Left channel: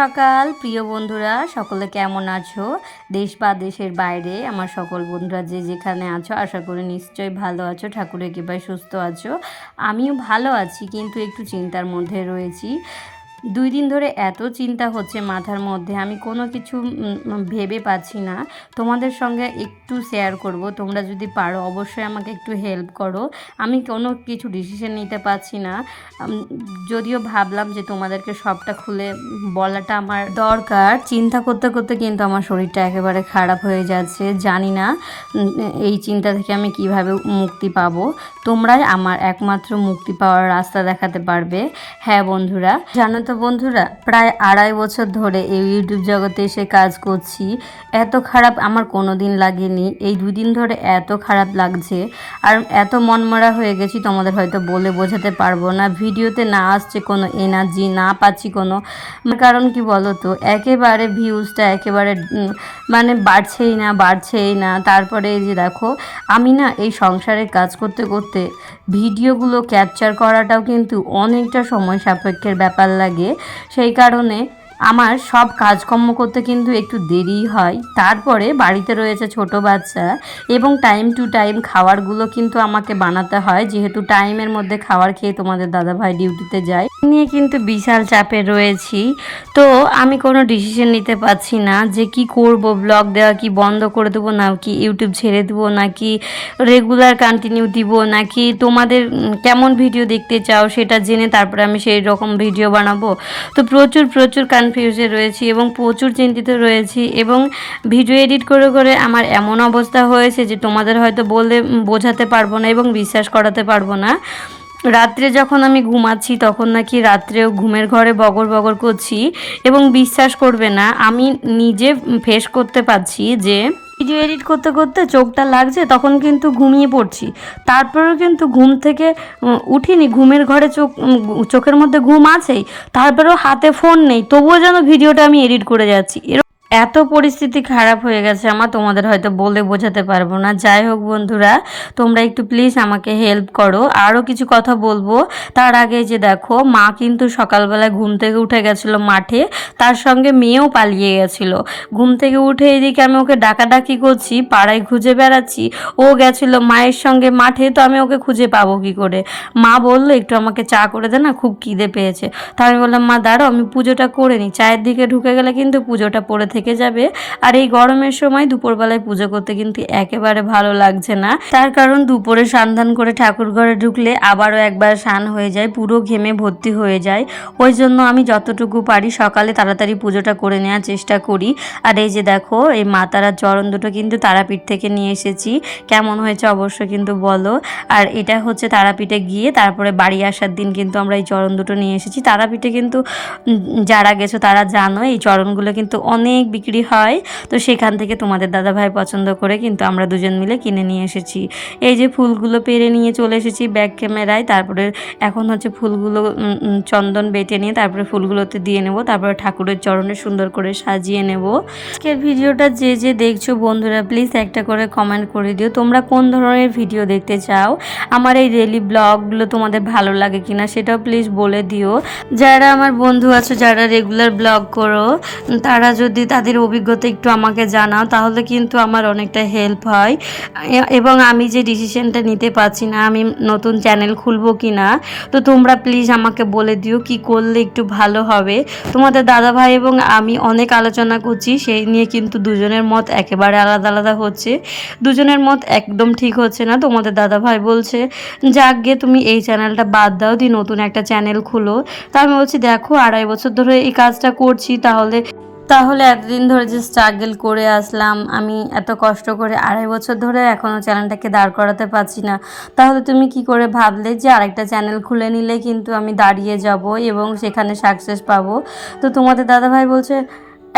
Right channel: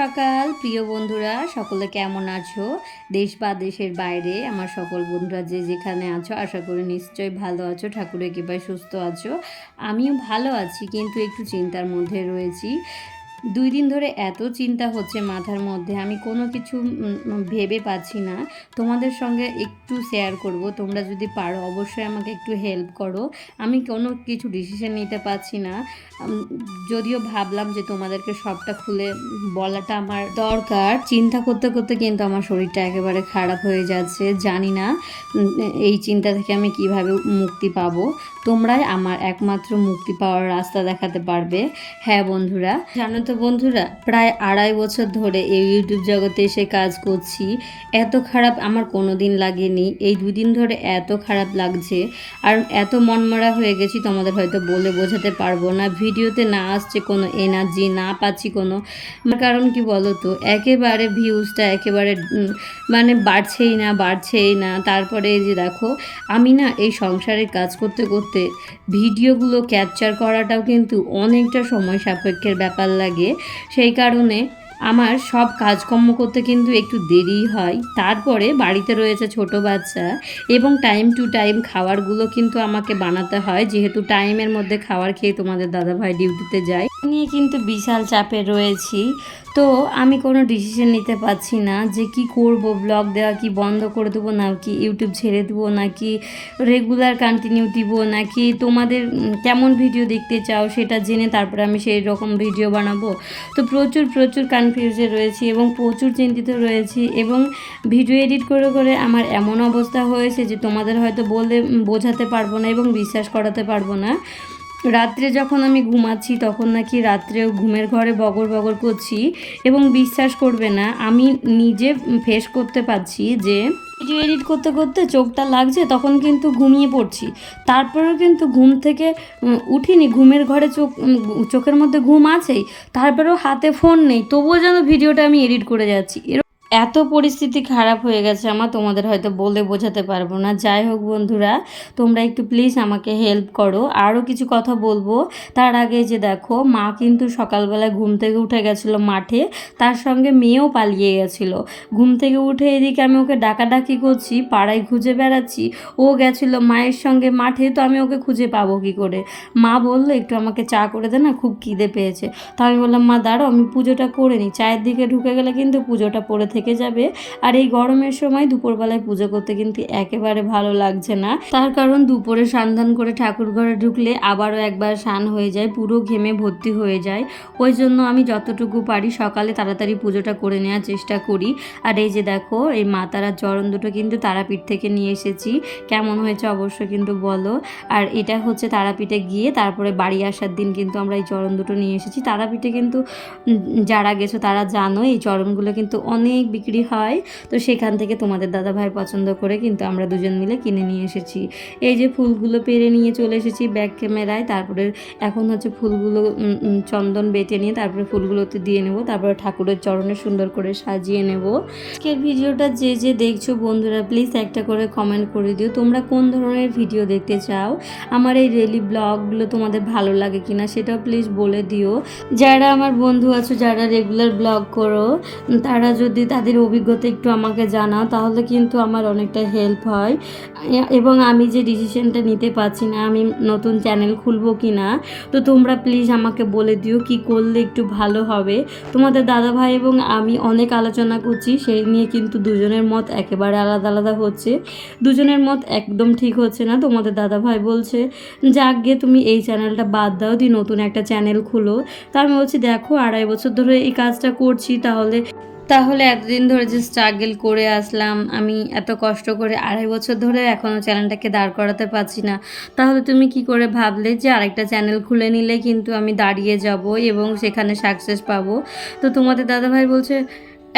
সকাল প্রিয় বন্ধুরা, সকলে কেমন আছো? দেশ বা দেশের বাইরে আমার সকল বন্ধুরা যে যেখানে আছো, আশা করি নিশ্চয়ই ভালো আছো, ঠাকুরের কৃপায় সুস্থ আছো। আমিও ভালো আছি, কিন্তু একটু চিন্তার মধ্যে রয়েছি। 2 দিন ধরে এত চিন্তা হচ্ছে মাথার মধ্যে, আমি কোনো কিছু ভেবে পাচ্ছি না। তোমাদের সঙ্গে একটু শেয়ার করব, তোমরা যদি পারো অবশ্যই আমাকে একটু হেল্প করো। আমি কোনো কিছু ডিসিশন নিতে পারছি না। যদিও ভাবলাম যে তোমাদেরকে সবটা খুলে বলাটা আমার দরকার। চিন্তা করতে করতে কিন্তু আমার শরীরটা একেবারে খারাপ হয়ে যাচ্ছে। জানি না এই চিন্তা থেকে আমি কিভাবে মুক্তি পাবো। তোমরাই আমার একমাত্র মুক্তি পাওয়ার রাস্তা দেখাতে পারবে। হ্যাঁ বন্ধুরা, জানো তো বন্ধুরা, প্রায় 2.5 বছর ধরে এই ইউটিউব জগতে এসে কাজ করছি। এত খারাপ আমার কোনো দিন লাগেনি। এই 2 দিন ধরে এত খারাপ লাগছে আর এত মনমরা হয়ে গেছি, তোমাদের হয়তো বলে বোঝাতে পারবো না। ভিডিওতে না আসছে কোনো এনার্জি, না পাচ্ছি কোনো। কারণ কি বলো তো, একেবারে ভিউজটা একেবারে মানে বাড়ছেই না। তারপরে এই যে দেখো, আমি না এই সংসারের কাজ করতে করতে ভিডিওগুলো ক্যাপচার করাটাও কিন্তু অনেকটা সময় সাপেক্ষের ব্যাপার লাগে। সেই কারণে আমার সব কাজকর্ম করতে কিন্তু একটু দেরি হয়। তারপরে বাড়িতে রয়েছে ছোট বাচ্চা এবং টাইম টু টাইম খাবারগুলো কিন্তু আমাকে বানাতে হয়, যেহেতু টাইমের মধ্যে খাবার খেয়ে তোমাদের দাদাভাই ডিউটিতে যায়। নিয়ে কিন্তু বিশাল চাপে রয়েছি। তো আমি কোনো ডিসিশন নিতে পারছি না যে কি করব, ব্লগ দেওয়া কি বন্ধ করে দেবো, না কি ইউটিউব ছেড়ে দেবো, নাকি রেগুলার কন্টিনিউ দিব, নাকি তোমাদের কেমন ভিডিও দেখতে চাও সেটা জেনে তারপরে আমি সেই রকম ভিডিও বানাবো। তো প্রচুর কনফিউজে রয়েছি এবং প্রচুর চিন্তিত রয়েছি, এবং ভিডিও এডিট করে করে আমার এমন অবস্থা হয়েছে যে তোমাদের হয়তো বলে বোঝাতে পারবো না এবং বিশ্বাস করাতে পারবো না। রাত্রে যখন আমি ঘুমাচ্ছি তখন নাকি রাত্রেও ঘুমের ঘরে বগর বগর করছি, এবং বিশ্বাস করবে না, আমি নিজে ফেস করতে পারছি যে ভিডিও এডিট করতে করতে চোখটা লাগছে, তখন কিন্তু ঘুমিয়ে পড়ছি। তারপরেও কিন্তু ঘুম থেকে উঠিনি, ঘুমের ঘরে চোখের মধ্যে ঘুম আছেই, তারপরেও হাতে ফোন নেই, তবুও যেন ভিডিওটা আমি এডিট করে যাচ্ছি। এত পরিস্থিতি খারাপ হয়ে গেছে আমার, তোমাদের হয়তো বলে বোঝাতে পারবো না। যাই হোক বন্ধুরা, তোমরা একটু প্লিজ আমাকে হেল্প করো। আরও কিছু কথা বলবো তার আগে যে দেখো, মা কিন্তু সকালবেলায় ঘুম থেকে উঠে গেছিলো মাঠে, তার সঙ্গে মেয়েও পালিয়ে গেছিলো। ঘুম থেকে উঠে এদিকে আমি ওকে ডাকাডাকি করছি, পাড়ায় খুঁজে বেড়াচ্ছি, ও গেছিলো মায়ের সঙ্গে মাঠে, তো আমি ওকে খুঁজে পাবো কী করে? মা বললো একটু আমাকে চা করে দে না, খুব খিদে পেয়েছে। তা আমি বললাম, মা দাঁড়াও আমি পুজোটা করে নিই। চায়ের দিকে ঢুকে গেলে কিন্তু পুজোটা পড়ে থেকে যাবে। আর এই গরমের সময় দুপুরবেলায় পুজো করতে কিন্তু একেবারে ভালো লাগছে না। তার কারণ দুপুরে স্নান করে ঠাকুর ঘরে ঢুকলে আবারও একবার স্নান হয়ে যায়, পুরো ঘেমে ভর্তি হয়ে যায়। ওই জন্য আমি যতটুকু পারি সকালে তাড়াতাড়ি পুজোটা করে নেওয়ার চেষ্টা করি। আর এই যে দেখো, এই মা তারার চরণ দুটো কিন্তু তারাপীঠ থেকে নিয়ে এসেছি। কেমন হয়েছে অবশ্যই কিন্তু বলো। আর এটা হচ্ছে তারাপীঠে গিয়ে তারপরে বাড়ি আসার দিন কিন্তু আমরা এই চরণ দুটো নিয়ে এসেছি। তারাপীঠে কিন্তু যারা গেছো তারা জানো, এই চরণগুলো কিন্তু অনেক বিক্রি হয়। তো সেখান থেকে তোমাদের দাদাভাই পছন্দ করে কিন্তু আমরা দুজন মিলে কিনে নিয়ে এসেছি। এই যে ফুলগুলো পেরে নিয়ে চলে এসেছি ব্যাক ক্যামেরায়। তারপরে এখন হচ্ছে ফুলগুলো চন্দন বেটে নিয়ে তারপরে ফুলগুলোতে দিয়ে নেব, তারপরে ঠাকুরের চরণে সুন্দর করে সাজিয়ে নেব। আজকের ভিডিওটা যে যে দেখছো বন্ধুরা, প্লিজ একটা করে কমেন্ট করে দিও তোমরা কোন ধরনের ভিডিও দেখতে চাও। আমার এই ডেইলি ব্লগগুলো তোমাদের ভালো লাগে কিনা সেটাও প্লিজ বলে দিও। যারা আমার বন্ধু আছে, যারা রেগুলার ব্লগ করো, তারা যদি তাদের অভিজ্ঞতা একটু আমাকে জানাও, তাহলে কিন্তু আমার অনেকটা হেল্প হয়। এবং আমি যে ডিসিশনটা নিতে পারছি না, আমি নতুন চ্যানেল খুলবো কি না, তো তোমরা প্লিজ আমাকে বলে দিও কি করলে একটু ভালো হবে। তোমাদের দাদাভাই এবং আমি অনেক আলোচনা করছি, সেই নিয়ে কিন্তু দুজনের মত একেবারে আলাদা আলাদা হচ্ছে। দুজনের মত একদম ঠিক হচ্ছে না। তোমাদের দাদাভাই বলছে যাক গে তুমি এই চ্যানেলটা বাদ দাও, দিয়ে নতুন একটা চ্যানেল খুলো। তা আমি বলছি দেখো, 2.5 বছর ধরে এই কাজটা করছি, তাহলে এতদিন ধরে যে স্ট্রাগল করে আসলাম, আমি এত কষ্ট করে 2.5 বছর ধরে এখনও চ্যানেলটাকে দাঁড় করাতে পারছি না, তাহলে তুমি কি করে ভাবলে যে আরেকটা চ্যানেল খুলে নিলে কিন্তু আমি দাঁড়িয়ে যাব এবং সেখানে সাকসেস পাবো? তো তোমাদের দাদাভাই বলছে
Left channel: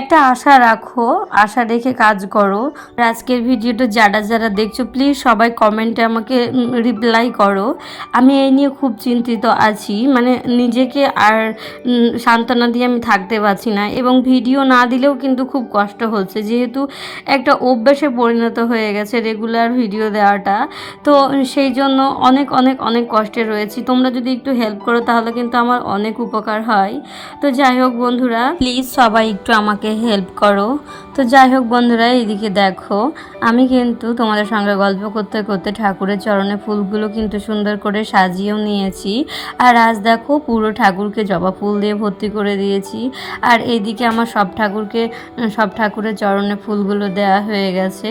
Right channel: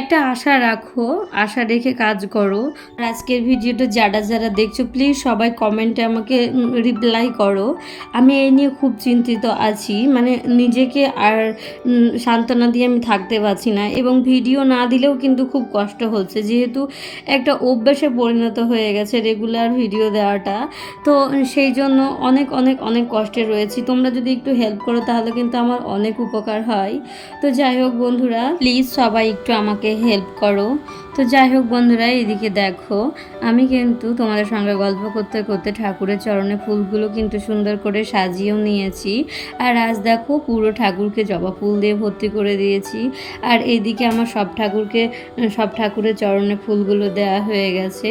একটা আশা রাখো, আশা রেখে কাজ করো। আর আজকের ভিডিওটা যারা যারা দেখছো প্লিজ সবাই কমেন্টে আমাকে রিপ্লাই করো। আমি এই নিয়ে খুব চিন্তিত আছি, মানে নিজেকে আর সান্ত্বনা দিয়ে আমি থাকতে পারছি না, এবং ভিডিও না দিলেও কিন্তু খুব কষ্ট হচ্ছে, যেহেতু একটা অভ্যাসে পরিণত হয়ে গেছে রেগুলার ভিডিও দেওয়াটা। তো সেই জন্য অনেক অনেক অনেক কষ্টে রয়েছি। তোমরা যদি একটু হেল্প করো তাহলে কিন্তু আমার অনেক উপকার হয়। তো যাই হোক বন্ধুরা, প্লিজ সবাই একটু আমাকে হেল্প করো। তো যাই হোক বন্ধুরা, এদিকে দেখো আমি কিন্তু তোমাদের সঙ্গে গল্প করতে করতে ঠাকুরের চরণে ফুলগুলো কিন্তু সুন্দর করে সাজিয়েও নিয়েছি। আর আজ দেখো পুরো ঠাকুরকে জবা ফুল দিয়ে ভর্তি করে দিয়েছি। আর এইদিকে আমার সব ঠাকুরের চরণে ফুলগুলো দেওয়া হয়ে গেছে।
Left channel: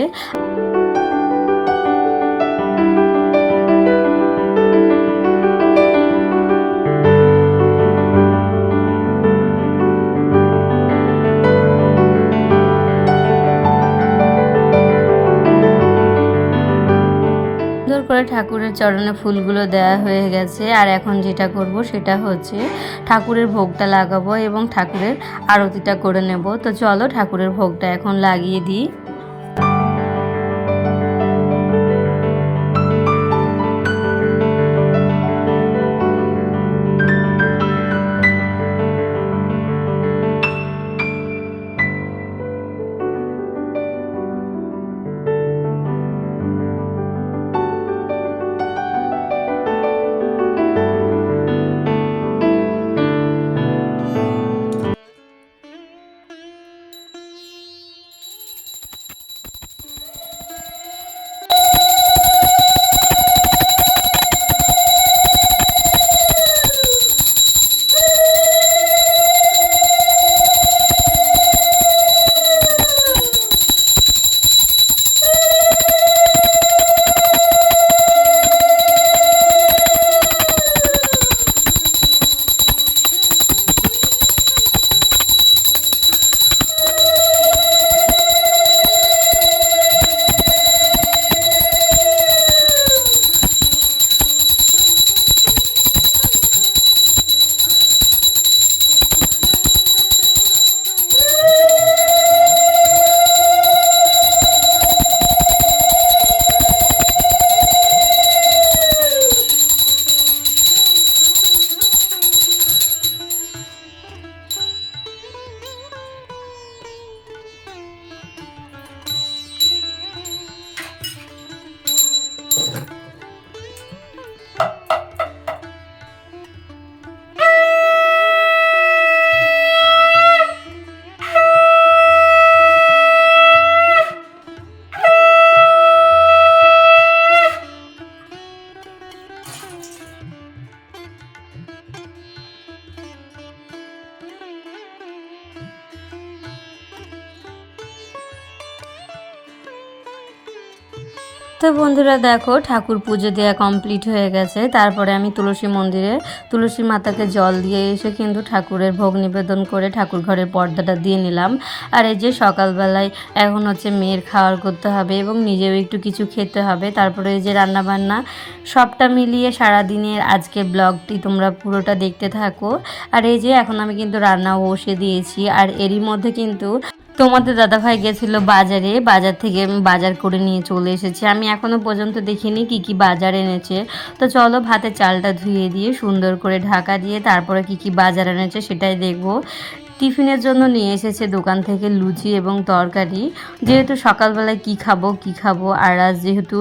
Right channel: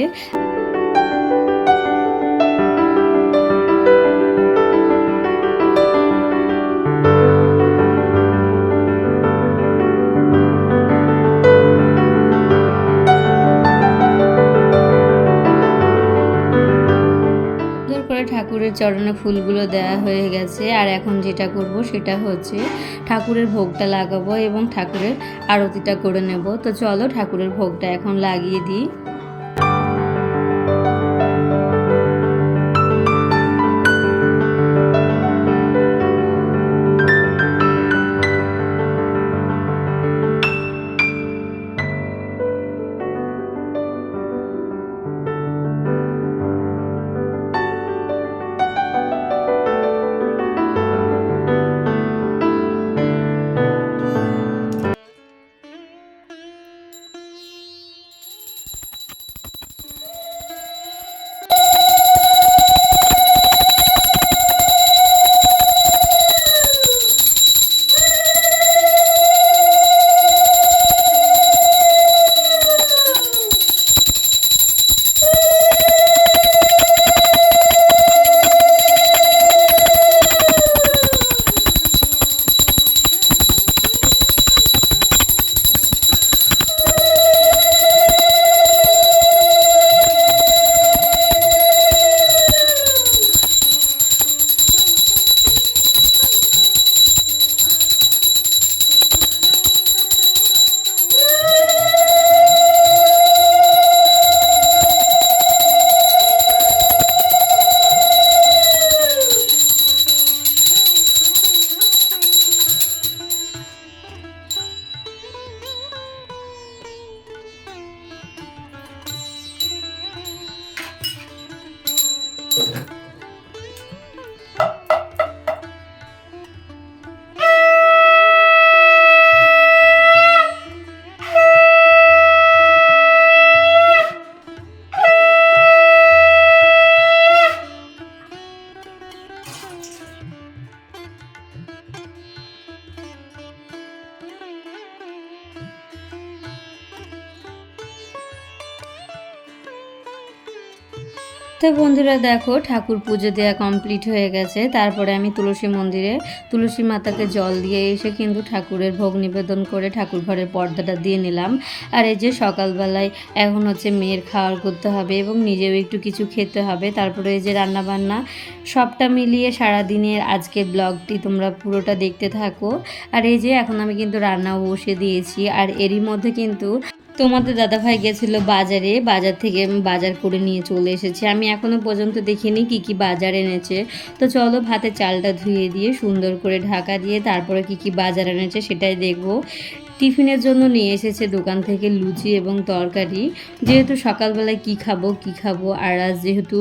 করে ঠাকুরের চরণে ফুলগুলো দেওয়া হয়ে গেছে। আর এখন যেটা করব সেটা হচ্ছে ঠাকুরের ভোগটা লাগাবো এবং ঠাকুরের আরতিটা করে নেব। তো চলো ঠাকুরের ভোগটা এখন লাগিয়ে দিই। তো বন্ধুরা দেখো ঠাকুর পুজো দেওয়া কমপ্লিট হয়ে গেছে। তারপরে আমি তুলসী মন্দিরে তুলসী মাতাকে জল দিয়ে এসে কিন্তু ঠাকুরের ভোগ নিবেদন করে ঠাকুর ঘরের পর্দাটা দিয়ে নিলাম। আর এই যে সকালবেলায় এখন হচ্ছে মেয়ের খাওয়ার করতে হবে এবং নিজেও একটু কিছু খেতে হবে। তারপরে এই যে রান্নাবান্না সবটা মিলিয়ে সারাদিনের আজকের ব্লগটি তোমরা পুরোটা দেখতে থাকো। আর এই যে এখন আমি কিন্তু রান্নাও বসে দিয়েছি। আর এরই মধ্যে কিন্তু তোমাদের দাদাভাই গেছিলো বাজারে, বাজার থেকে বাজার করে নিয়ে চলে এসেছে। আমি এখনও পর্যন্ত দেখিনি কি কি বাজার এনেছে। তো চলো ভাতের চালটা ধুয়ে দিয়ে সুন্দর করে ঢাকা দিয়ে তারপরে কি কি বাজার এনেছে সেটাই দেখবো। টিফিনের জন্য নিয়ে এসেছে দোকান থেকে লুচি এবং তরকারি। যেহেতু সকালবেলায় কি খাবো আর আজ যেহেতু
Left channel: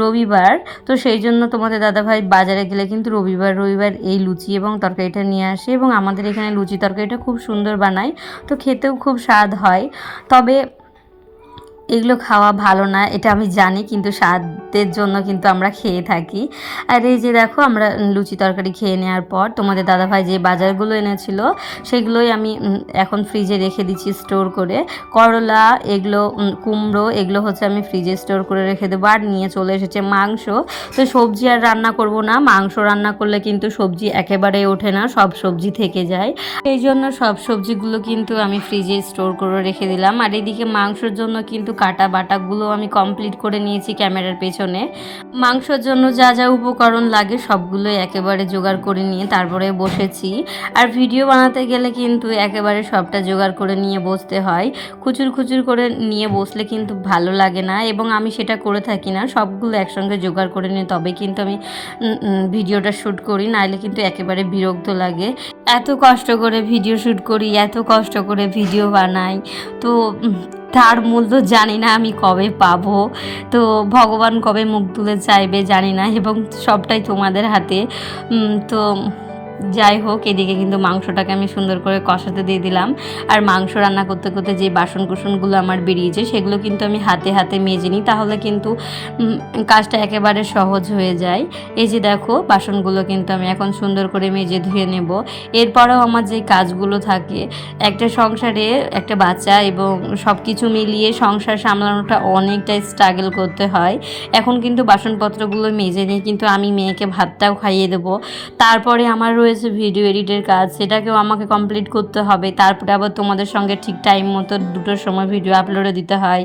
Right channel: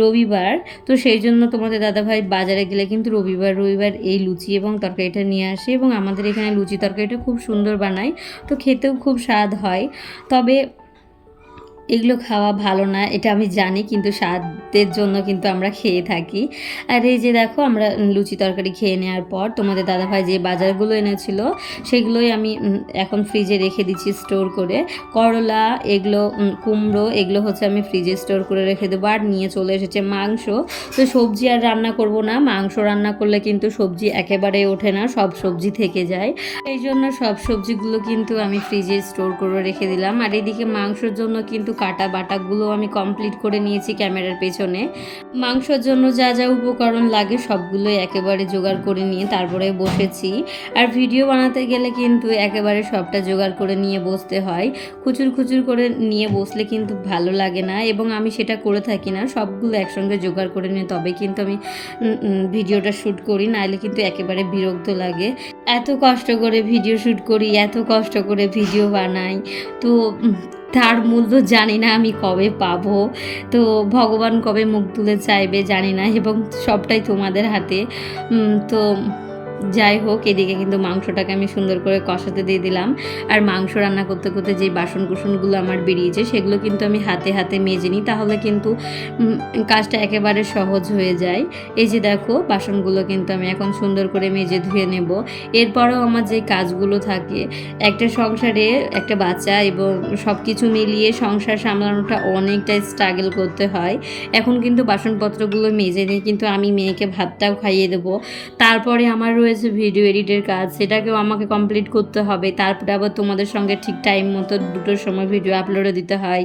রবিবার, তো সেই জন্য তোমাদের দাদাভাই বাজারে গেলে কিন্তু রবিবার এই লুচি এবং তরকারিটা নিয়ে আসে। এবং আমাদের এখানে লুচি তরকারিটা খুব সুন্দর বানায়, তো খেতেও খুব স্বাদ হয়। তবে এগুলো খাওয়া ভালো না এটা আমি জানি, কিন্তু স্বাদের জন্য কিন্তু আমরা খেয়ে থাকি। আর এই যে দেখো আমরা লুচি তরকারি খেয়ে নেওয়ার পর তোমাদের দাদাভাই যে বাজারগুলো এনেছিল সেগুলোই আমি এখন ফ্রিজে রেখে দিচ্ছি স্টোর করে। করলা, এগুলো কুমড়ো, এগুলো হচ্ছে আমি ফ্রিজে স্টোর করে রেখে দেবো। আর নিয়ে চলে এসেছে মাংস। তো সবজি আর রান্না করব না, মাংস রান্না করলে কিন্তু সবজি একেবারেই ওঠে না, সব সবজি থেকে যায়। এই জন্য সব সবজিগুলো কিন্তু আমি ফ্রিজে স্টোর করে রেখে দিলাম। আর এদিকে মাংসের জন্য কিন্তু কাটা বাটাগুলো আমি কমপ্লিট করে নিয়েছি ক্যামেরার পেছনে। মাংসর জন্য যা যা উপকরণ লাগে সবগুলোই একেবারে জোগাড় করে নিয়ে তারপরে বসেছি। আর ভিডিও বানাতে গেলে কিন্তু একেবারে সবটা জোগাড় করে নিয়ে বসতে হয়। খুচুর খুচুর করে নিয়ে বসলে কিন্তু ভালো লাগে না, এবং আমি সেটা করে থাকি না। সবগুলো একসঙ্গে জোগাড় করে নিয়ে তবে কিন্তু আমি ভিডিওটা শ্যুট করি, নাহলে কিন্তু একেবারে বিরক্ত লাগে। এত কষ্ট করে ভিডিও শ্যুট করি, এত কষ্ট করে ভিডিও বানাই, তো তার মূল্য জানি না আমি কবে পাবো। তো ভগবান কবে মুখ তুলে চাইবে জানি না, এবং সবটাই তোমাদের হাতে। তো যাই হোক, এদিকে কিন্তু মাংসটাকে আমি সুন্দর করে কষাতে দিয়ে দিলাম। আর মাংস রান্না করতে করতে যে বাসন কুসনগুলো আমার বেরিয়েছে সেগুলো কিন্তু আমি হাতে হাতে মেজে নিই, তাহলে কিন্তু কাজটা একেবারে সহজ হয়ে যায়। এই যে দেখো, বাসনগুলো কিন্তু আমি এখন সুন্দর করে মেজে ধুয়ে নেব। এরপরেও আমার যে কাজগুলো থাকে, একটা সংসারে একটা বাচ্চা এবং সব কিছু মিলিয়ে সংসার সামলানোটা অনেকটাই স্ট্রাগল করতে হয়। এখন কিন্তু বাসনপত্রগুলো মেজে নিই, কিন্তু আমি মেয়েকে ভাতটাও খাইয়ে দেবো। তারপরে আমার রয়েছে ভিডিও এডিটের কাজ, সেটাকেও আমাকে কমপ্লিট করতে হবে। তারপরে আবার তোমাদের সঙ্গে ঠিক টাইম মতো 2টোর সময় ভিডিও আপলোডে দিতে হয়।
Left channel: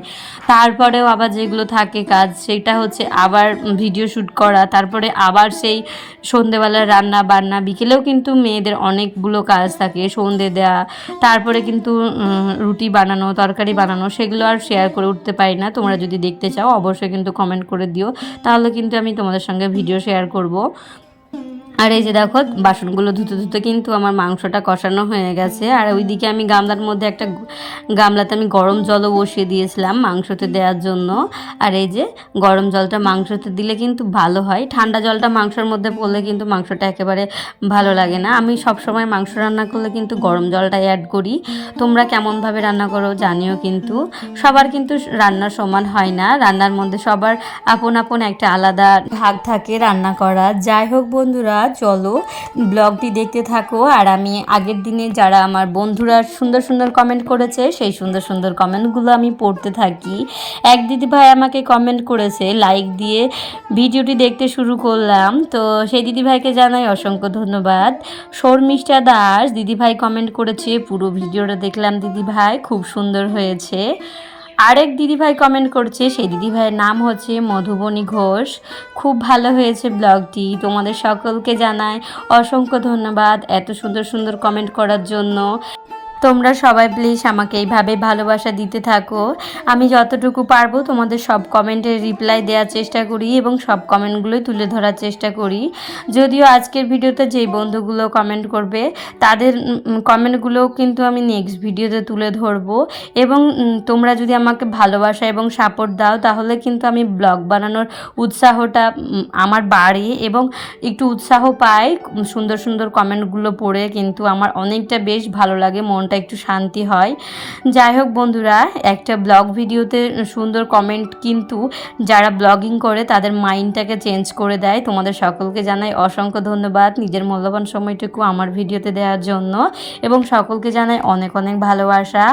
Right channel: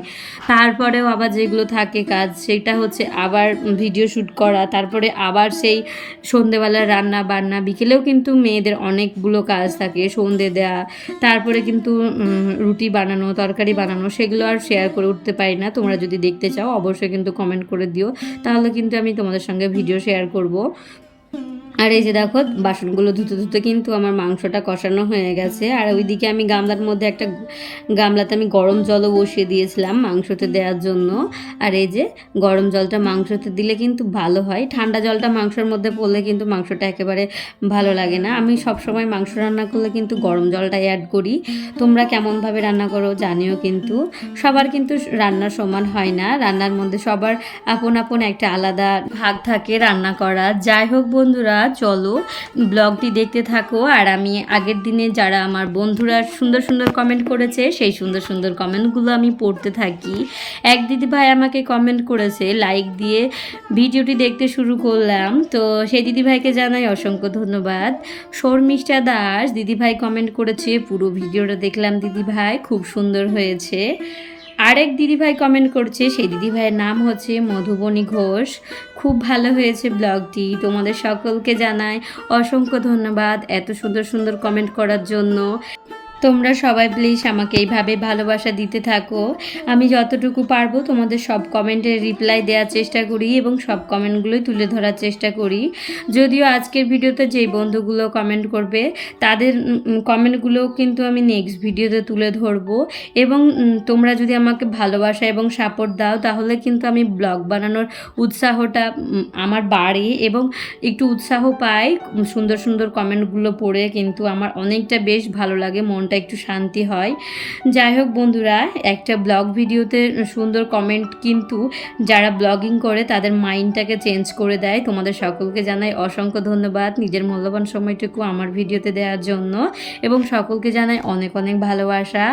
তারপরেও আবার যেগুলো থাকে কাজ, সেটা হচ্ছে আবার ভিডিও শ্যুট করা, তারপরে আবার সেই সন্ধেবেলার রান্না বান্না, বিকেলেও কিন্তু মেয়েদের অনেকগুলো কাজ থাকে, সন্ধে দেয়া, তারপরে কিন্তু রুটি বানানো, তরকারি বানানো, সেগুলো আর শেয়ার করে উঠতে পারি না। তোমরা যদি দেখতে চাও অবশ্যই কিন্তু কমেন্ট করে দিও, তাহলে কিন্তু আমি তোমাদের সঙ্গে ভিডিও শেয়ার করব। আর এই যে দেখো, বাসনগুলো ধুতে ধুতে কিন্তু আমার মাংসটা কষানো হয়ে গেছে। আর ওইদিকে আমি গামলার মধ্যে একটা গামলাতে আমি গরম জলও বসিয়ে দিয়েছিলাম মাংসতে দেওয়ার জন্য। আর এই যে গরম জলটা মাংসতে দিলে কিন্তু ভালো হয়, ঠান্ডা জলটা মাংসের মধ্যে পড়লে কিন্তু মাংসটা একেবারে ভালো লাগে না। আমি সব সময় মাংস রান্না করলে কিন্তু গরম জলটাই অ্যাড করি। তোমরা কেমনভাবে রান্না করো জানিও, কিন্তু সবার কিন্তু রান্না সমান হয় না, রান্নার মধ্যে সবার আপন আপন একটা আলাদা ভাগ থাকে রান্না করা। যাই হোক বন্ধুরা, চলো ব্লগটি দেখতে থাকো। আর আমি আগের দিনে যারা আমার বন্ধুরা সুন্দর সুন্দর কমেন্ট করেছে, সেই সুন্দর সুন্দর কমেন্টগুলো আমি পড়তে থাকি। এক দিদিভাই আমাকে কমেন্ট করেছে, লাইক দিয়ে ভিডিওটি দেখতে শুরু করলাম, তো সেই দিদিভাইকে জানাই অসংখ্য ধন্যবাদ। শর্মিষ্ঠা দাস দিদিভাই কমেন্ট করেছে, পুরো ভিডিওটা দেখলাম দিদিভাই, খুব সুন্দর হয়েছে। আরেক দিদিভাই কমেন্ট করছে, সেই দিদিভাইয়ের নাম হচ্ছে মধুবনী ঘোষ, খুব ভালো হয়েছে ব্লগটি। তোমাদের সকলকে জানাই অসংখ্য ধন্যবাদ এত সুন্দর সুন্দর কমেন্ট করার জন্য। তোমরা সবাই প্লিজ আমাকে এইভাবে ভালোবাসা দিতে থাকো। আমি যতটুকু পারবো তোমাদের সব কমেন্টের রিপ্লাই দেওয়ার চেষ্টা করি এবং সব কমেন্টগুলোই তুলে ধরার চেষ্টা করি। যদিও আজকের ভিডিওতে যেই বন্ধুগুলো কমেন্ট করবে তাদের কমেন্টগুলোও কিন্তু আমি নেক্সট ভিডিওতে তুলে ধরবো। এবং তোমরা যদি আমাকে ভালোবাসা এবং সাপোর্ট দাও, তাহলে কিন্তু আমি ব্লগ বানানোর উৎসাহটা আমার বাড়ে এবং একটু উৎসাহ পাই। সুন্দর সুন্দর কমেন্টগুলো পড়ে কিন্তু আমার অনেকটা বেশ ভালো লাগে, মনটা একটু শান্তি হয়। যাই হোক বন্ধুরা, একটা ব্লগ ভিডিওতে সুন্দর কমেন্ট কিন্তু যারা ব্লগিং করে তাদের মাইন্ডটাকে চেঞ্জ করে দেয়। তোমাদের সকলকে জানাই অসংখ্য ধন্যবাদ নিজের মূল্যবান সময়টুকু আমার ভিডিওতে দেওয়ার জন্য, এবং সকলকে জানাই অনেক অনেক ভালোবাসা।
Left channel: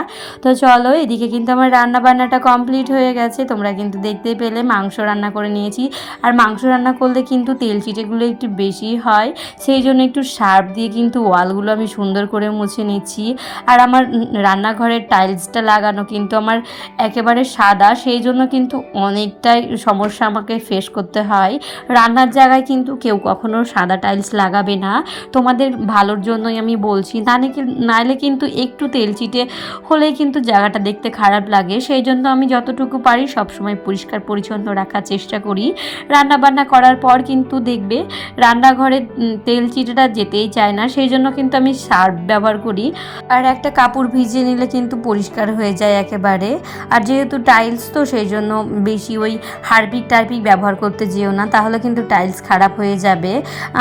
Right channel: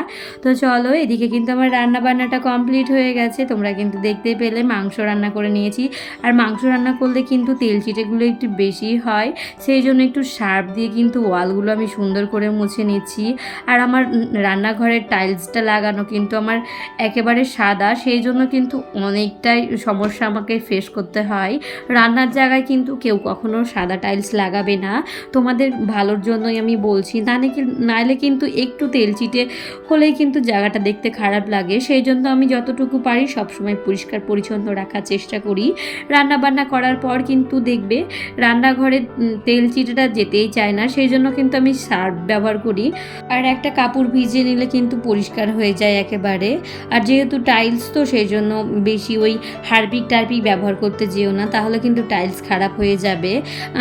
তো চলো, এদিকে কিন্তু আমার রান্না বান্নাটা কমপ্লিট হয়ে গেছে, তোমরা কিন্তু দেখতেই পেলে মাংস রান্না করে নিয়েছি। আর মাংস রান্না করলে কিন্তু তেল চিটেগুলো একটু বেশি হয়, সেই জন্য একটু সার্ফ দিয়ে কিন্তু ওয়ালগুলো আমি সুন্দর করে মুছে নিচ্ছি। আর আমার রান্নাঘরের টাইলসটা লাগানো কিন্তু আমার একেবারে সাদা, সেই জন্য কিন্তু অনেকটাই সমস্যা আমাকে ফেস করতে হয়। রান্নার জায়গায় কিন্তু কেউ কখনো সাদা টাইলস লাগাবে না, তোমাদের ভালোর জন্যই আমি বলছি। নাইলে কিন্তু একটু তেল চিটে হলেই কিন্তু জায়গাটা দেখতে খারাপ লাগে। সেই জন্য আমি যতটুকু পারি সবসময় পরিষ্কার পরিচ্ছন্ন রাখার চেষ্টা করি। রান্না বান্না করার পর কিন্তু দেখবে রান্নাঘরে তেল চিটেটা যেতেই চায় না, সেই জন্য কিন্তু আমি সার্ফ ব্যবহার করি। আর একটা কাপড় ভিজিয়ে নিলে কিন্তু পরিষ্কার হয়ে যায় একেবারে। আর যেহেতু টাইলস তো, সেই জন্য বেশি ওই হারপিক টারপিক ব্যবহার করতে যেও না, তাহলে কিন্তু টাইলস খারাপ হয়ে যাবে।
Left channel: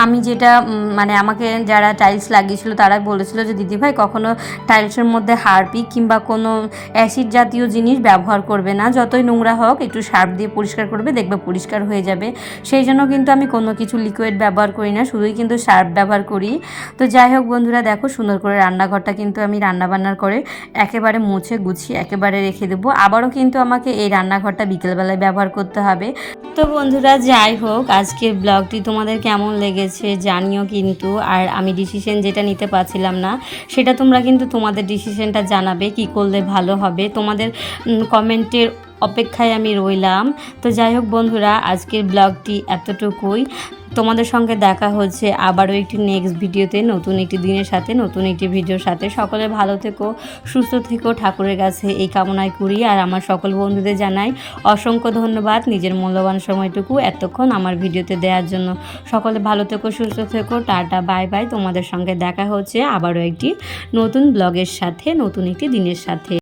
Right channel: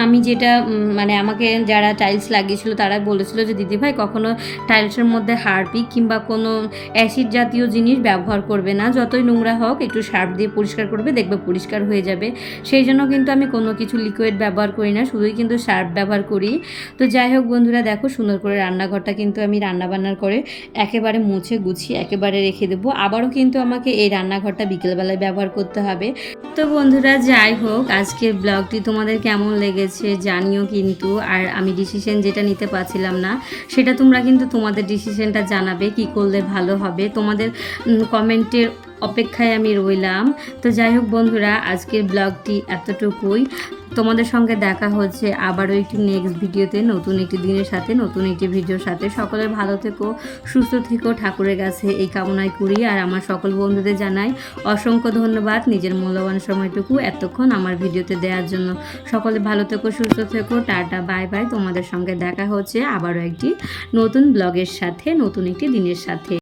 আমি যেটা মানে আমাকে যারা টাইলস লাগিয়েছিল তারা বলেছিল যে দিদিভাই কখনো টাইলসের মধ্যে হারপিক কিংবা কোনো অ্যাসিড জাতীয় জিনিস ব্যবহার করবে না, যতই নোংরা হোক একটু সার্ফ দিয়ে পরিষ্কার করবে, দেখবে পরিষ্কার হয়ে যাবে। সেই জন্য কিন্তু আমি কোনো কিছু লিকুইড ব্যবহার করি না, শুধুই কিন্তু সার্ফ ব্যবহার করি। তো যাই হোক বন্ধুরা, দেখো সুন্দর করে রান্নাঘরটা কিন্তু আমি রান্নাবান্নার করে একেবারে মুছে গুছিয়ে একেবারে রেখে দেবো। আবারও কিন্তু আমাকে এই রান্নাঘরটা বিকেলবেলায় ব্যবহার করতে হবে। তো বন্ধুরা, যাই হোক, আজকের ব্লগটি তোমাদের কেমন লেগেছে জানিও কিন্তু। আর আমি ডিসিশন যেটা নিতে পারছিলাম না, সেটা তোমরা কিন্তু তোমাদের ডিসিশনটা জানাবে কি করলে ভালো হবে। তোমাদের কমেন্টের অপেক্ষায় আমি রইলাম। তো যাই হোক বন্ধুরা, আজকের ব্লগটি এতটুকুই। তোমাদের সঙ্গে দেখা হচ্ছে আবারও একটি নেক্সট ভিডিওতে, নতুন একটি দিনের সাথে, নতুন একটি ভিডিওর সাথে। সকলে ভালো থেকো, সুস্থ থেকো, ঠাকুরের কাছে এই কামনাই করি। আর আমার সকল বন্ধুদের জানাই অসংখ্য ধন্যবাদ নিজের মূল্যবান সময়টুকু এতক্ষণ আমার ভিডিওতে দেওয়ার জন্য। সকলে ভালো থেকো, সুস্থ থেকো, টাটা, বাই বাই। তোমাদের সঙ্গে দেখা হচ্ছে আবারও একটি নতুন ব্লগের সাথে, নতুন একটি দিনের সাথে।